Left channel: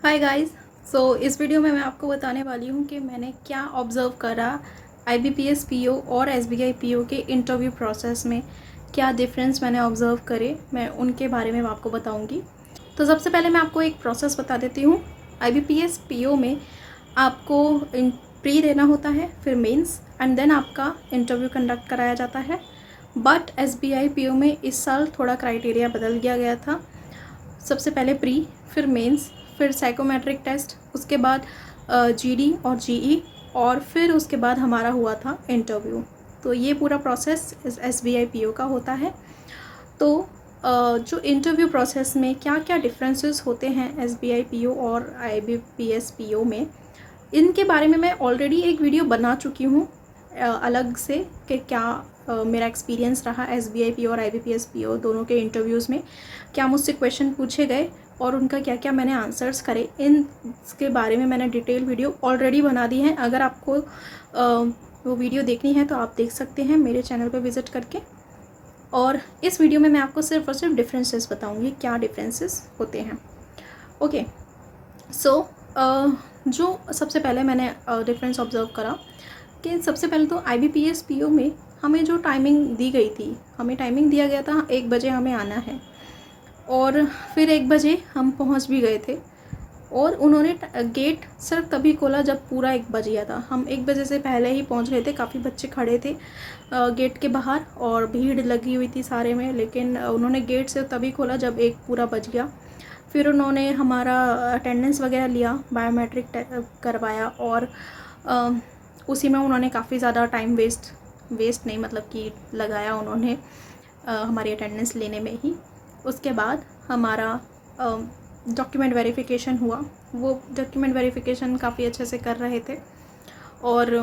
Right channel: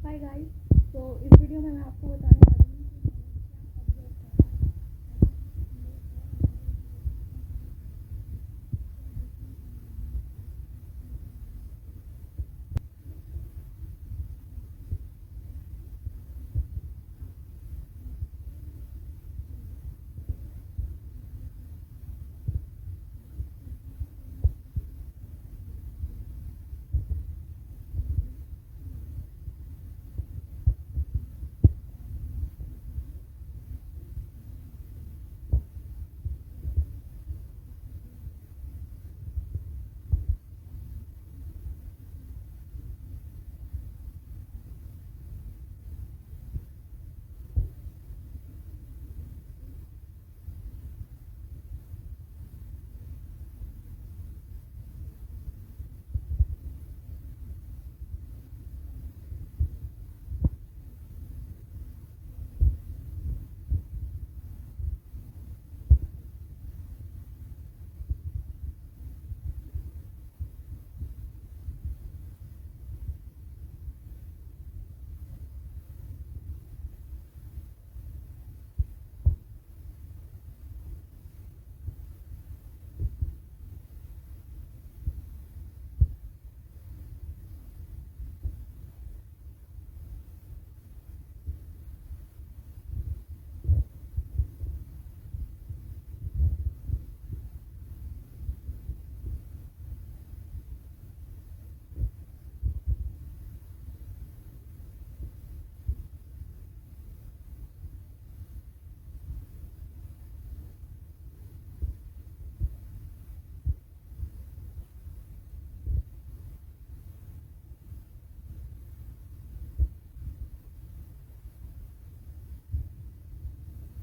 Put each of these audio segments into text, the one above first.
Hi guys. इस video में मैं आपको बताने वाली हूँ कि मैंने क्या ऑब्ज़र्व करा आईबीपीएस पीओ और एसबीआई पीओ के इंटरव्यू प्रोसेस में। क्या डिफरेंस मैंने ऑब्ज़र्व करे, मैं उनके बारे में आपको बताऊँगी। तो सबसे पहले मैं आपको एक प्रोसेस बता देती हूँ। आईबीपीएस पीओ में आपको प्री देना होता है, फिर मेंस एंड देन आपका इंटरव्यू कंडक्ट कराया जाता है। बट एसबीआई पीओ में इस साल थोड़ा क्राइटेरिया बदल गया था। सबसे पहले प्री, फिर मेंस, फिर साइकोमेट्रिक टेस्ट, उसके बाद जीडी और जीई, और फिर उसके बाद हमारा हुआ था इंटरव्यू। तो ये पूरा प्रोसेस एसबीआई पीओ का होता है। तो जो इंटरव्यू प्रोसेस में क्या क्या डिफरेंसेस होते हैं एसबीआई पीओ और आईबीपीएस पीओ में, इनके बारे में मैं ऑलरेडी एक वीडियो बना चुकी हूँ अलग से, कि क्या मेरा एक्सपीरियंस रहा एसबीआई पीओ और आईबीपीएस पीओ दोनों के इंटरव्यूज़ में, क्या मुझसे क्वेश्चन पूछे गए और उनका क्या क्या मैंने आंसर्स करे। इसके बारे में मैंने डिटेल वीडियो ऑलरेडी बना दी है। अगर आपको वो वीडियो देखनी है तो आप देख सकते हैं मेरे चैनल पर विज़िट करके। और इस वीडियो में मैं आपको सिर्फ और सिर्फ डिफरेंसेस बताऊँगी, क्या डिफरेंसेस होते हैं। ओके, सो जो सबसे पहले मैंने डिफरेंस ऑब्ज़र्व करा कि सबसे पहले तो आईबीपीएस पीओ में हमें जो टाइमिंग दी गई थी, हमें टाइमिंग दिया गया था 1 बजे हमें आना है, और फिर 1 बजे हम पहुंच भी गए थे। और उन्होंने गेट सिर्फ तभी खोला जब पूरा 1 बज गया था। हम 1 बजे से पहले ही पहुंच गए थे, काफ़ी बच्चे खड़े थे गेट के बाहर और भीड़ लगी हुई थी सारे में, लेकिन उन्होंने गेट से तभी खोला जब 1 पूरा बज गया। फिर उन्होंने हमारा अटेंडेंस वगैरह लिया, बायोमेट्रिक करवाया, और उसी में उन्होंने काफ़ी ज़्यादा टाइम वेस्ट नहीं, मतलब कि लगाया उन्होंने हमारी अटेंडेंस लेने में ही। उसके बाद हमारा डॉक्यूमेंट वेरिफिकेशन हुआ। वो डॉक्यूमेंट वेरिफिकेशन काफ़ी अच्छे से कर रहे थे। और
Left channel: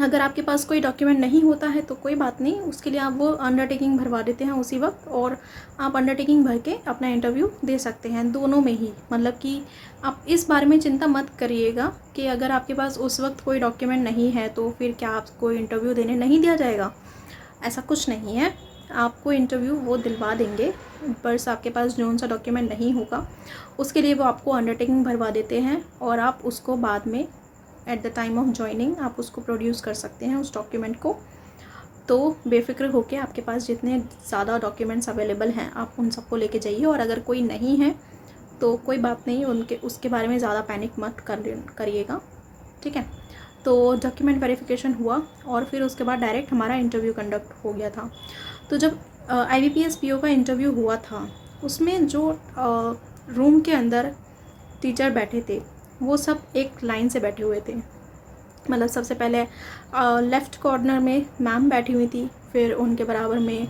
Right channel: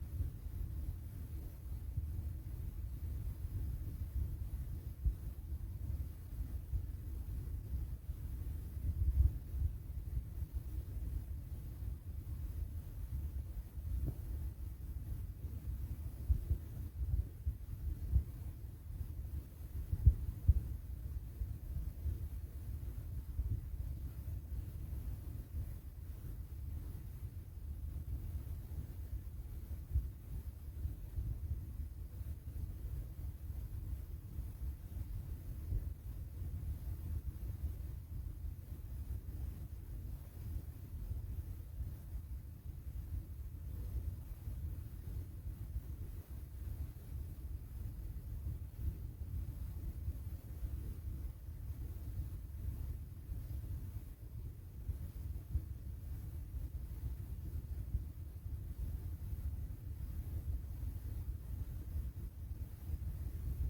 अगर आपके पास कोई डॉक्यूमेंट नहीं होता है तो कोई बात नहीं, उसके लिए आप वो अंडरटेकिंग भरवा देते हैं उसी वक्त, और आप अंडरटेकिंग भर के अपना इंटरव्यू दे सकते हैं दोनों में ही। मतलब कि आप इस बारे में चिंता मत करिएगा कि अगर आपके पास उस वक्त कोई डॉक्यूमेंट नहीं है तो फिर क्या आपको इंटरव्यू देने नहीं दिया जाएगा। ऐसा कुछ नहीं है, आपको इंटरव्यू वो दिलवा देंगे। बस आपके पास जो सा डॉक्यूमेंट नहीं होगा उसके लिए वो आपको अंडरटेकिंग भरवा देते हैं, और आप उसको बाद में at the time of joining आप उसको प्रोड्यूस कर सकते हैं उस डॉक्यूमेंट को। तो बेफिक्र होकर आपके पास जितने ज़्यादा डॉक्यूमेंट्स अवेलेबल हैं आप उन सबको लेके जाइए, और अगर कोई नहीं है तो कोई बात नहीं, उसके बारे में ज़्यादा पैनिक मत करिएगा, ठीक है। तो डॉक्यूमेंट वेरिफिकेशन हुआ और फिर उसके बाद डायरेक्ट हमारा इंटरव्यू कंडक्ट हो गया था। तो जब आईबीपीएस पीओ का इंटरव्यू हुआ था, उसमें जो रूम के अंदर टीचर बैठे थे वो सब एक लाइन से बैठे हुए थे। मतलब सबसे पहले लेफ़्ट कॉर्नर में मैम बैठी हुई थी, फिर उनके बराबर में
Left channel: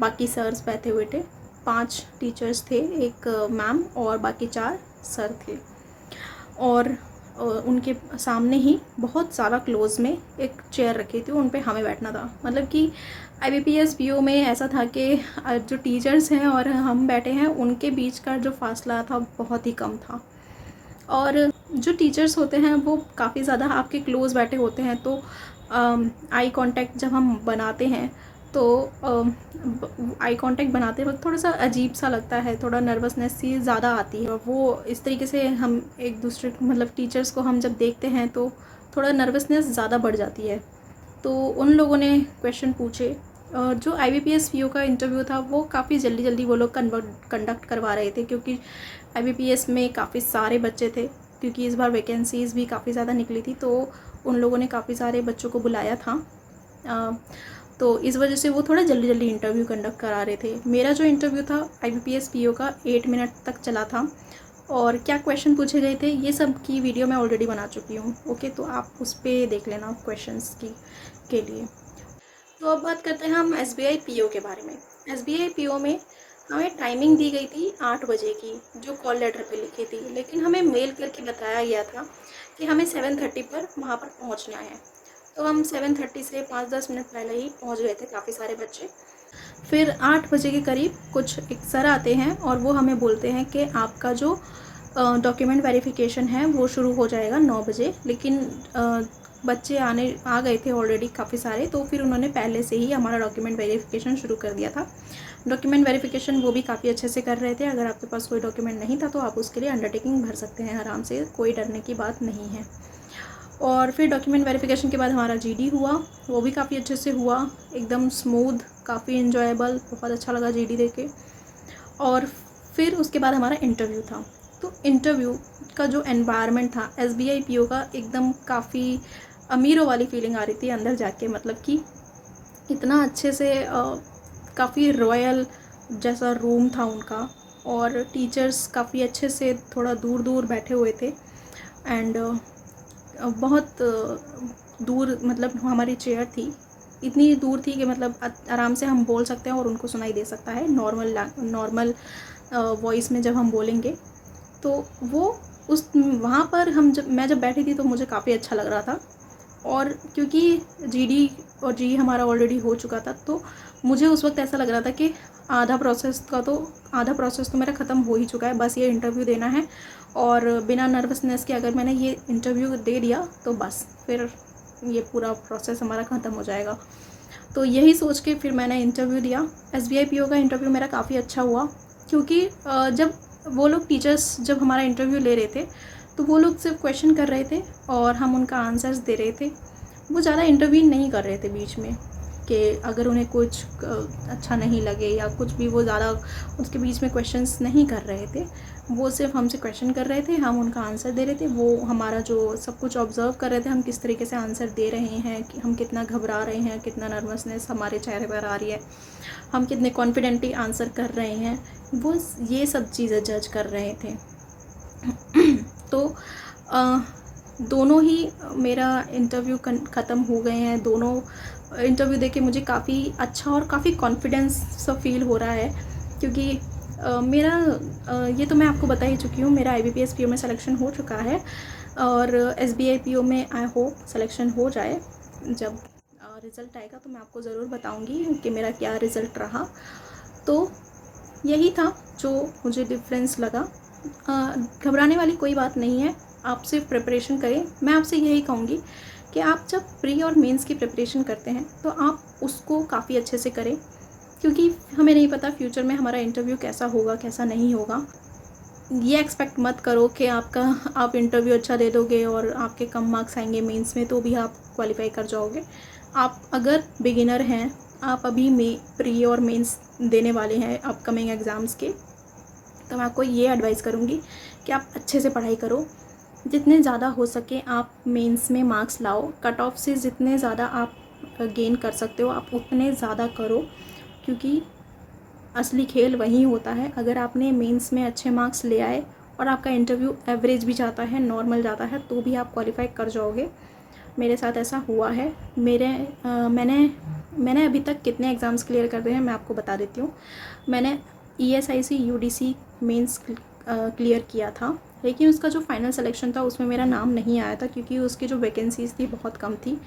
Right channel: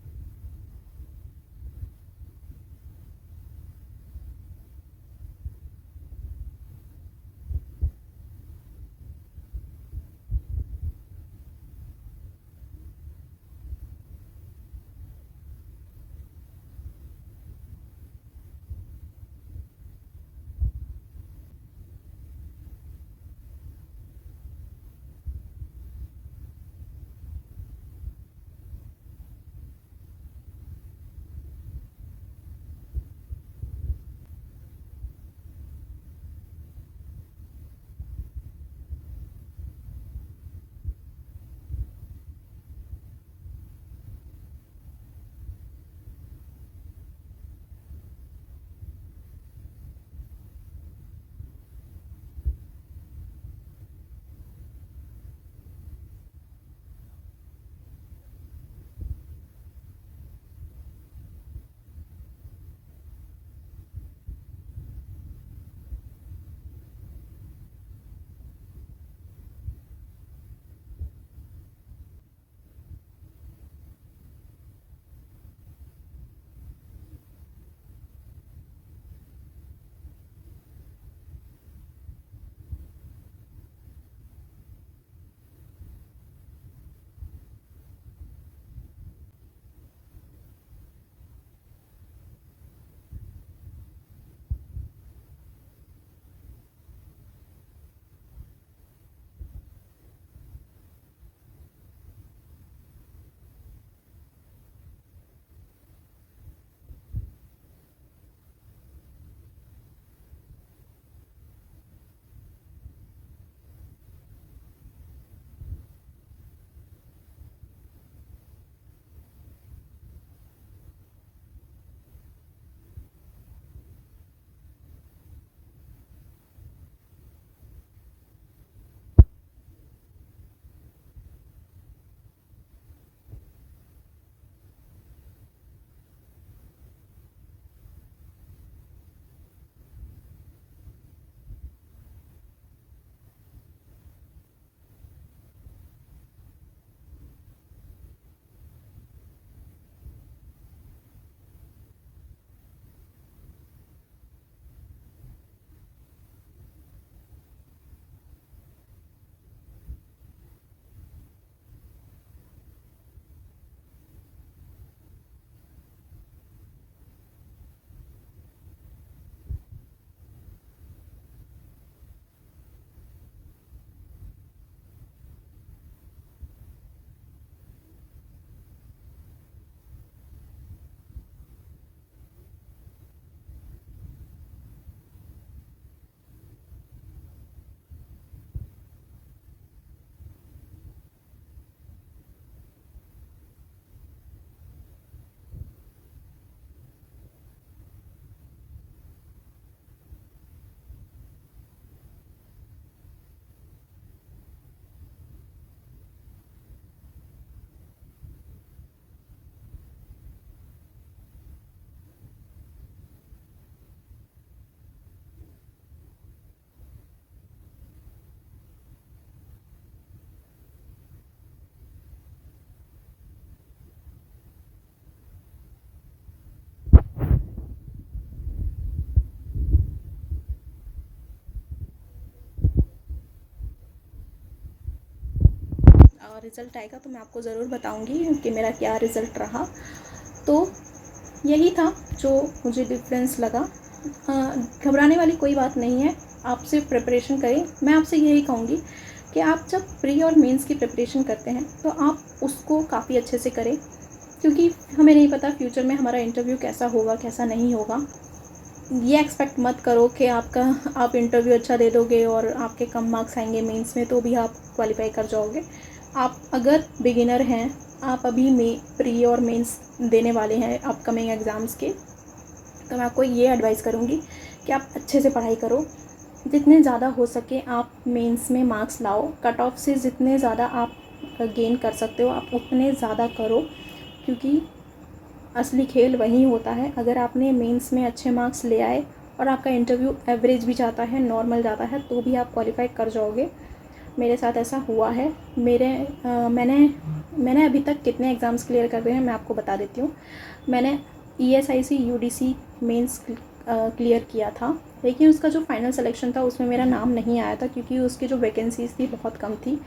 बाकी सर्स बैठे हुए थे। 5 टीचर्स थे, एक मैम और बाकी 4 सर थे। और उनके सामने ही बहुत ज़्यादा क्लोज़ में एक चेयर रखी थी, उन पे हमें बैठना था। मतलब कि आईबीपीएस पीओ में ऐसा था कि जो टीचर्स हैं और हम बैठे हैं उनके बीच का जो फासला था बहुत ही कम था। और जो टीचर्स होते हैं वो काफ़ी ज़्यादा आपके क्लोज़ बैठे होते हैं, तो आई कांटेक्ट जब हम बनाते हैं तो आई कांटेक्ट बनाते वक्त थोड़ा सा अजीब सा लगता है, थोड़ा नर्वसनेस सी ज़्यादा आती है। वो इस तरीके से हम एक दूसरे मतलब टीचर्स को हम जब देखते हैं तो थोड़ा नर्वसनेस ज़्यादा बढ़ जाती है। तो उन लोगों ने क्वेश्चन पूछे। जो आईबीपीएस पीओ का इंटरव्यू था वो काफ़ी जल्दी वो लोग कंडक्ट करवा रहे थे, क्योंकि आईबीपीएस में काफ़ी सारे बच्चे थे, क्योंकि इस बार वैकेंसीज़ भी काफ़ी ज़्यादा निकली थी, तो उन लोगों ने काफ़ी सारे बच्चों को बुलाया था। तो इस वजह से वो थोड़ा जल्दी इंटरव्यू कंडक्ट करा रहे थे। मेरा जो इंटरव्यू था आईबीपीएस पीओ का 8 मिनट तक चला था, और क्या क्वेश्चन पूछे गए थे ये सब की वीडियो मैं ऑलरेडी बना चुकी हूँ। ओके, तो आप उस पर देख लेना क्वेश्चंस के लिए। तो अब बात करते हैं हम एसबीआई पीओ के बारे में। एसबीआई पीओ में हमें टाइमिंग दी गई थी 8 बजे की, जो कॉल लेटर पे लिखी थी, लेकिन हमें मेल करके बताया गया था कि हमें 7:30 पर वहाँ पर पहुँचना है। तो हम 7:30 से 5-10 मिनट पहले ही पहुँच गए थे, काफ़ी सारे बच्चे। फिर 8 बजे के करीब कुछ एक सर आते हैं और वो हमें बोलते हैं कि आपका जो डॉक्यूमेंट वेरिफिकेशन है वो शुरू हो जाएगा 9 बजे, लेकिन बच्चे आ गए थे ऑलरेडी काफ़ी सारे, तो फिर उन्होंने पहले से ही हमारा डॉक्यूमेंट वेरिफिकेशन शुरू कर दिया था। डॉक्यूमेंट वेरिफिकेशन वो भी काफ़ी अच्छे से कर रहे थे। अगर आपके पास कोई डॉक्यूमेंट नहीं था तो आप उसके लिए अंडरटेकिंग भर सकते हैं आराम से, कोई डरने की बात नहीं है। और फिर डॉक्यूमेंट वेरिफिकेशन के बाद हमारा जीडी हुआ, वो भी काफ़ी अच्छे से हुआ, एकदम स्मूथ, काफ़ी इन्जॉयबल, बहुत अच्छा लगा जीडी देके। और फिर उसके बाद हमारा इंटरव्यू था। तो इंटरव्यू का जो एनवायरनमेंट था एसबीआई पीओ का, एकदम काफ़ी अमीरों वाली फीलिंग आ रही थी अंदर जाके, मतलब कि इतना अच्छे से काफ़ी रॉयल जैसा रूम था उनका, और टीचर्स काफ़ी अच्छे से थोड़ा दूर दूर बैठे हुए थे। एंड बहुत दूर, मतलब हमारी चेयर थी इतनी दूर थी कि मतलब आराम से हम बोल सकते हैं और उनको सुनाई दे सकता है नॉर्मल वॉइस में जब हम बोलेंगे। तो वो उस वहाँ पर मैं जब बैठी थी तो मुझे काफ़ी अच्छा लग रहा था। और क्योंकि जीडी और जी हमारा ऑलरेडी हो चुका था, तो मुझे उस वक्त ऐसा लग रहा था कि आधा प्रोसेस तो मेरा ख़त्म हो ही चुका है, बस ये इंटरव्यू देना है। और बिना नर्वसनेस के अगर मैंने ये इंटरव्यू दे दिया तो बस फिर ये पूरा प्रोसेस हमारा ख़त्म हो जाएगा। तो यही सोच के फिर मैंने इंटरव्यू दिया। एसबीआई पीओ का इंटरव्यू मेरा काफ़ी अच्छा हुआ, क्योंकि जब वो लोग टीचर्स जब हमारा इंटरव्यू ले रहे थे तो वो लोग सिर्फ क्वेश्चन कर रहे थे और हम उनका आंसर्स दे रहे थे। वो ज़्यादा इंटरवीन नहीं कर रहे थे बीच में, कि अगर उन्हें कुछ अच्छा नहीं लगे या कुछ भी, वो ज़्यादा उसके बीच में क्वेश्चंस नहीं कर रहे थे। वो सिर्फ हमसे क्वेश्चन कर रहे थे, हम उनका आंसर दे रहे थे। वो हमारा जो सब कुछ ऑब्ज़र्व कर रहे थे, हम किस तरीके से आंसर दे रहे हैं, कि हम कितना घबरा रहे हैं, कितना नर्वसनेस हमारे चेहरे पर आ रही है, हम कितने कॉन्फिडेंटली आंसर कर रहे हैं, वो ये सब चीज़ें जज कर रहे थे। तो दोनों ही मेरा इंटरव्यू ख़त्म हो गए हैं। दोनों इंटरव्यू देके मुझे काफ़ी अच्छा और काफ़ी कॉन्फिडेंस सा फील हो रहा है, क्योंकि ये तो मैं आपको बता ही चुकी हूँ, मेरा आईबीपीएस पीओ में सिलेक्शन हो चुका है। और एसबीआई पीओ में आई होप सिलेक्शन हो जाए। जब रिज़ल्ट आएगा तो मैं आपको ज़रूर बताऊँगी कि मेरा क्या रिज़ल्ट रहा। तो यही था जो मुझे डिफरेंस लगा। घबराने वाली कोई बात नहीं है, आप सिर्फ प्रिपरेशन करें। मैं आपसे यही कहूँगी कि आप जब प्री और मेंस की प्रिपरेशन करते हैं तो आप उसको काफ़ी अच्छे से करें, क्योंकि हमें नहीं पता फ्यूचर में हमारा इंटरव्यू कैसा होगा, कैसा नहीं होगा। ये एक्सपेक्ट मत करो कि आप इंटरव्यू अच्छा दे दोगे और आपके कम मार्क्स आएंगे मेंस में तो भी आप क्वालिफाई कर जाओगे। आप अगर बिगिनर हैं, आप अभी प्री और मेंस देने वाले हैं अपकमिंग एग्ज़ाम्स के, तो मैं आपको ये एडवाइस करूँगी कि आप अच्छे से पढ़ाई करो। जितने ज़्यादा हो सके आप मेंस में मार्क्स लाओ। कट ऑफ से जितने ज़्यादा आप गेन कर सकते हो आप उतने ज़्यादा करो, क्योंकि असली खेल वही होता है। अगर आपने मेंस में अच्छे मार्क्स ले आए और आपका इंटरव्यू एवरेज भी जाता है, नॉर्मल जाता है, तो भी आप क्वालिफाई कर जाओगे। मेरे साथ ऐसा हुआ है। मैंने अभी तक कितने एग्ज़ाम्स क्लियर कर रहे हैं मैं आपको बता देती हूँ। मैंने ESIC UDC मेंस क्लियर किया था, लेकिन उसका जो फाइनल सिलेक्शन था उसमें मेरा नाम नहीं आया था, क्योंकि उसकी जो वैकेंसीज़ थी बहुत कम थी,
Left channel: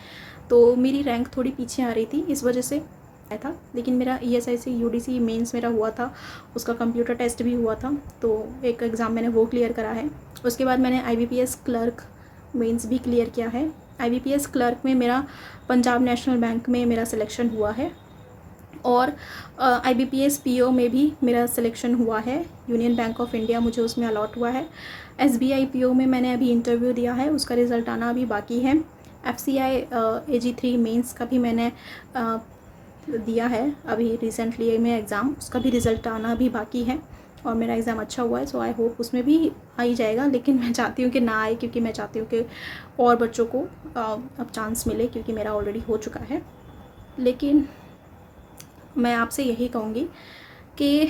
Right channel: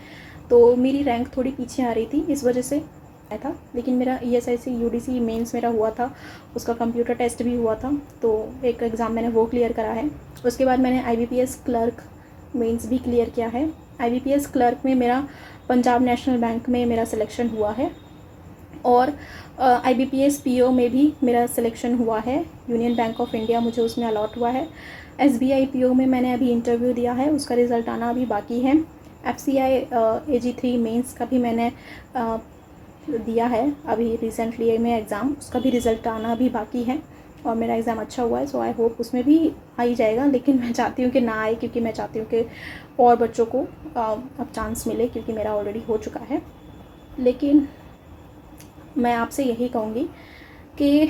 तो मेरी रैंक थोड़ी पीछे आ रही थी, इस वजह से आया था। लेकिन मेरा ESIC UDC मेंस मेरा हुआ था, उसका कंप्यूटर टेस्ट भी हुआ था, तो एक एग्ज़ाम मैंने वो क्लियर करा है। उसके बाद मैंने IBPS क्लर्क मेंस भी क्लियर किया है। IBPS क्लर्क में मेरा पंजाब नेशनल बैंक में मेरा सिलेक्शन हुआ है, और IBPS PO में भी मेरा सिलेक्शन हुआ है। यूनियन बैंक ऑफ इंडिया मुझे उसमें अलॉट हुआ है। SBI PO में मैंने अभी इंटरव्यू दिया है, उसका रिज़ल्ट आना अभी बाकी है। FCI AG3 मेंस का भी मैंने दिया है अभी रिसेंटली में एग्ज़ाम, उसका भी रिज़ल्ट आना अभी बाकी है, और मेरा एग्ज़ाम अच्छा हुआ है, सो आई होप उसमें भी आ ही जाएगा। लेकिन मैं चाहती हूँ कि ना आए, क्योंकि मैं चाहती हूँ कि और बच्चों को अब चांस मिले, क्योंकि मेरा ऑलरेडी हो चुका है। लेकिन मैं आपसे यही कहूँगी कि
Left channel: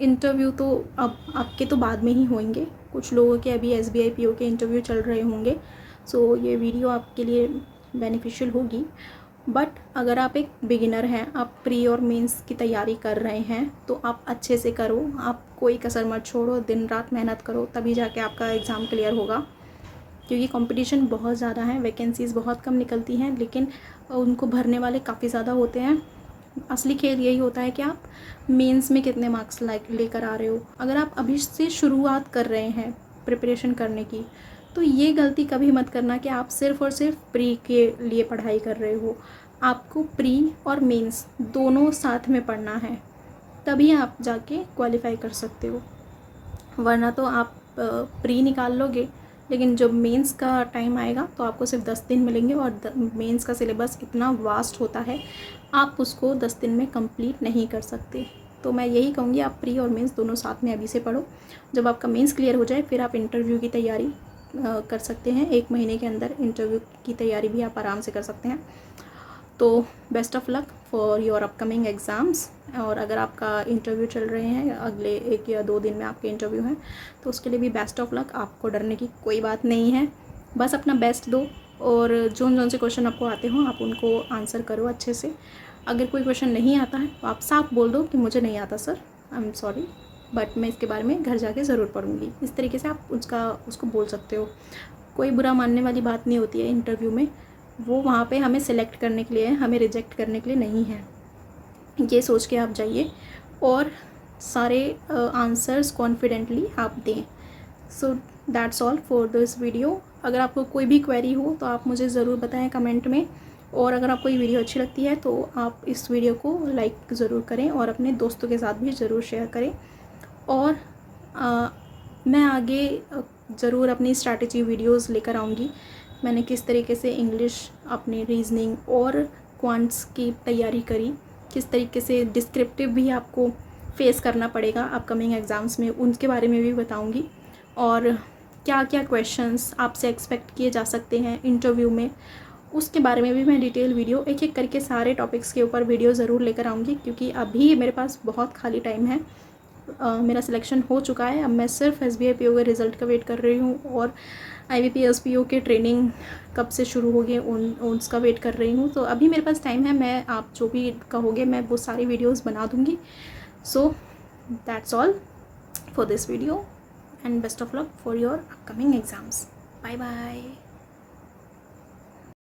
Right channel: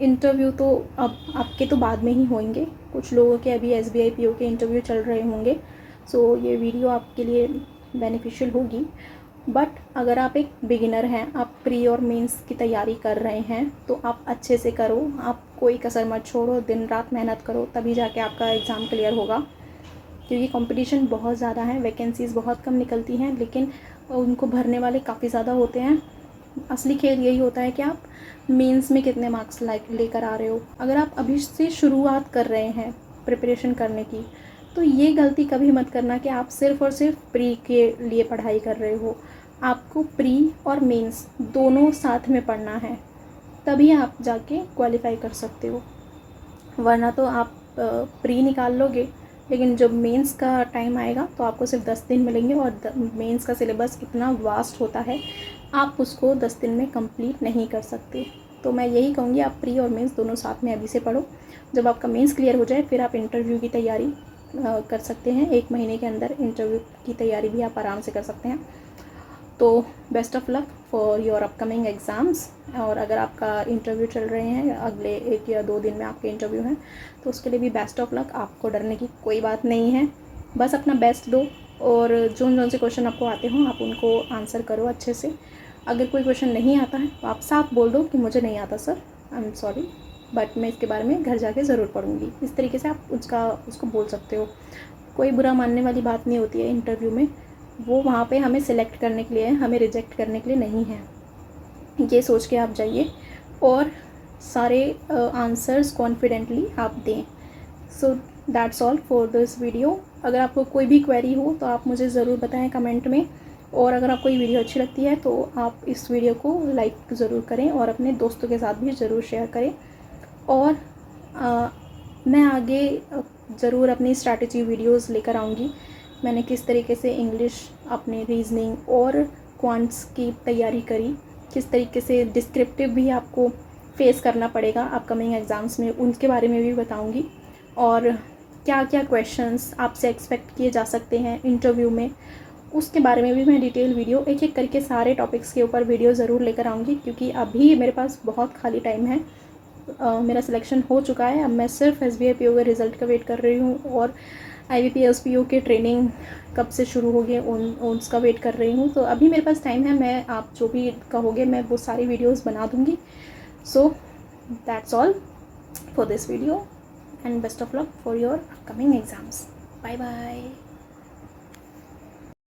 इंटरव्यू तो अब आपके तो बाद में ही होंगे, कुछ लोगों के अभी SBI PO के इंटरव्यू चल रहे होंगे, सो ये वीडियो आपके लिए बेनिफिशियल होगी। बट अगर आप एक बिगिनर हैं, आप प्री और मेंस की तैयारी कर रहे हैं, तो आप अच्छे से करो, आप कोई कसर मत छोड़ो, दिन रात मेहनत करो, तभी जाके आपका एग्ज़ाम क्लियर होगा। क्योंकि कंपटीशन बहुत ज़्यादा है, वैकेंसीज़ बहुत कम निकलती हैं, लेकिन उनको भरने वाले काफ़ी ज़्यादा होते हैं। असली खेल यही होता है कि आप मेंस में कितने मार्क्स लेकर आ रहे हो। अगर आप अभी से शुरुआत कर रहे हैं प्रिपरेशन करने की, तो ये गलती कभी मत करना कि आप सिर्फ़ और सिर्फ प्री के लिए पढ़ाई कर रहे हो। आपको प्री और मेंस दोनों साथ में पढ़ना है, तभी आप जाके क्वालिफ़ाई कर सकते हो। वरना तो आप प्री निकाल लोगे, लेकिन जब मेंस का टाइम आएगा तो आपको सिर्फ 10 दिन मिलेंगे और मेंस का सिलेबस इतना वास्ट होता है, आप उसको 10 दिन में कंप्लीट नहीं कर सकते। तो मैं यही कहूँगी, आप प्री और मेंस दोनों साथ में अभी से पढ़ो। जब आपका मेंस क्लियर हो जाए फिर आप इंटरव्यू की तैयारी कर सकते हैं। 1 महीने के अंदर इंटरव्यू की तैयारी भी आप आराम से कर सकते हैं। तो best of luck for your upcoming exams. और अगर आपका इंटरव्यू चल रहे हैं, अगले 1 या 2 दिन में आपके इंटरव्यू हैं, तो उसके लिए भी बेस्ट ऑफ लक। आपको डरने की कोई बात नहीं है, बस अपना बेस्ट दो और जोन से क्वेश्चन आपको आते हों आप उनको आंसर करो अच्छे से। अगर कोई क्वेश्चन नहीं आता है तो आप साफ बोल दो कि मुझे नहीं आता sir, I am sorry, but मैं इसके बारे में घर जाके ज़रूर पढ़ूंगी। इस तरीके से आप उसको बोल सकते हो। कोई बुरा मानने वाली बात नहीं होती है इंटरव्यू में। वो वहाँ पे हमें सिलेक्ट करने के लिए है, हमें रिजेक्ट करने के लिए नहीं है। ये सोच के आप जाइए और सारे आंसर्स कॉन्फिडेंटली आप दें। सो that's all for this video. अगर आपको कोई भी क्वेरी हो तो आप मुझे ज़रूर बताएं कमेंट में। और अगर आपको ये वीडियो अच्छी लगती है तो आप इस वीडियो को लाइक ज़रूर करें और अपने दोस्तों के साथ भी ज़रूर शेयर करें। और मैं आगे ज़रूर अपनी स्ट्रैटेजी वीडियोस लेकर आऊँगी। मैंने किस तरीके से इंग्लिश, अपनी रीजनिंग और क्वांट्स की तैयारी करी, किस तरीके से डिस्क्रिप्टिव भी आपको फेस करना पड़ेगा अपकमिंग एग्ज़ाम्स में, उनके बारे में भी बताऊँगी। और क्या क्या क्वेश्चंस आपसे एक्सपेक्ट किए जा सकते हैं इंटरव्यू में, उसके बारे में भी मैं डिटेल वीडियो एक एक करके सारे टॉपिक्स के ऊपर वीडियो ज़रूर लेकर आऊँगी। क्योंकि अभी मेरे पास बहुत खाली टाइम है। मेरा सिलेक्शन हो चुका है, अब मैं सिर्फ SBI PO के रिज़ल्ट का वेट कर रही हूँ और IBPS PO के ट्रेनिंग कब से शुरू होगी उसका वेट कर रही हूँ। तो अभी मेरे पास टाइम है, मैं आप जो भी कहोगे मैं वो सारी वीडियोस बना दूँगी। So that's all for this video and best of luck for your upcoming exams. Bye bye.